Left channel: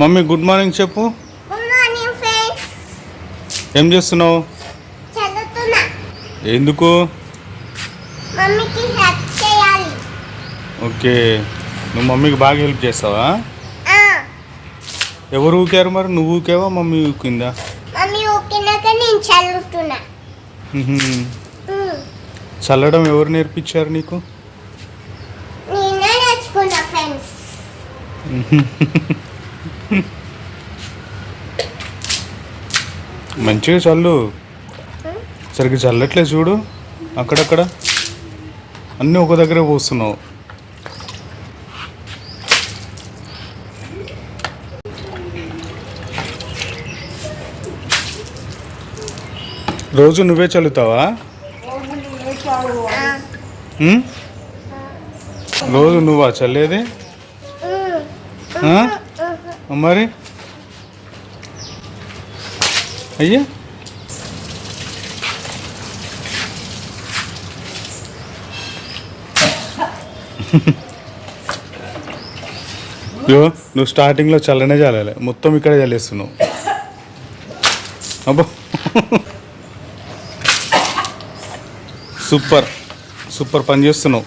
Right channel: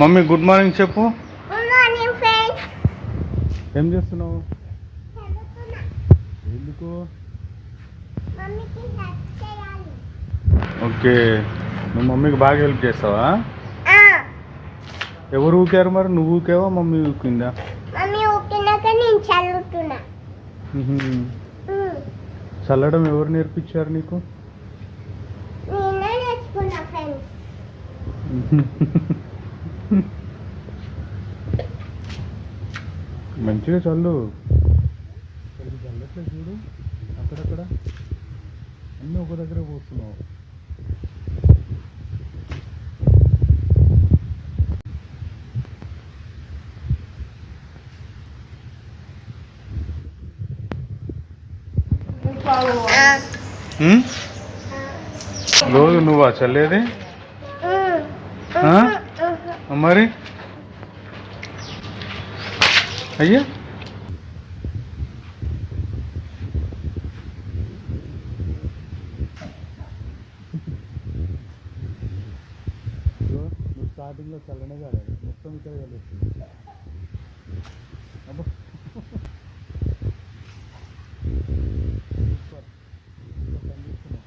Mummy good morning చెప్పు. Good morning friends. ఏం చేస్తున్నావు? చదువుతున్నా. ఎందుకు? మమ్మీకి హెల్ప్ చేయాలి. ఓకే, నువ్వు మమ్మీకి బాగా హెల్ప్ చేస్తావా? ఆ, ఎవరు ఊకారు మరి? నువ్వు ఊకేవా మమ్మీ ఊకిందా? మమ్మీ ఊకినాక నేను చదువుతున్నా. చల్లడం ఎవరు నేర్పించారు నీకు? నేనే నేర్చుకున్నా ఫ్రెండ్స్. మంచిగా చల్లు. సరిగ్గా చల్లట్లేదు చూడు, అక్కడక్కడ అన్నీ ఒక దగ్గర పోస్తున్నావు. రోజు నువ్వే చల్లుతావా? ఉమ్? రోజు నువ్వా చల్లేది? మరి అయ్యా, నువ్వు స్టార్టింగ్లో చల్లనే చల్లాలి, మొత్తం ఇక్కడే చల్లేస్తున్నావు. అబ్బో, సూపర్ సూపర్ పని చేస్తున్నావు.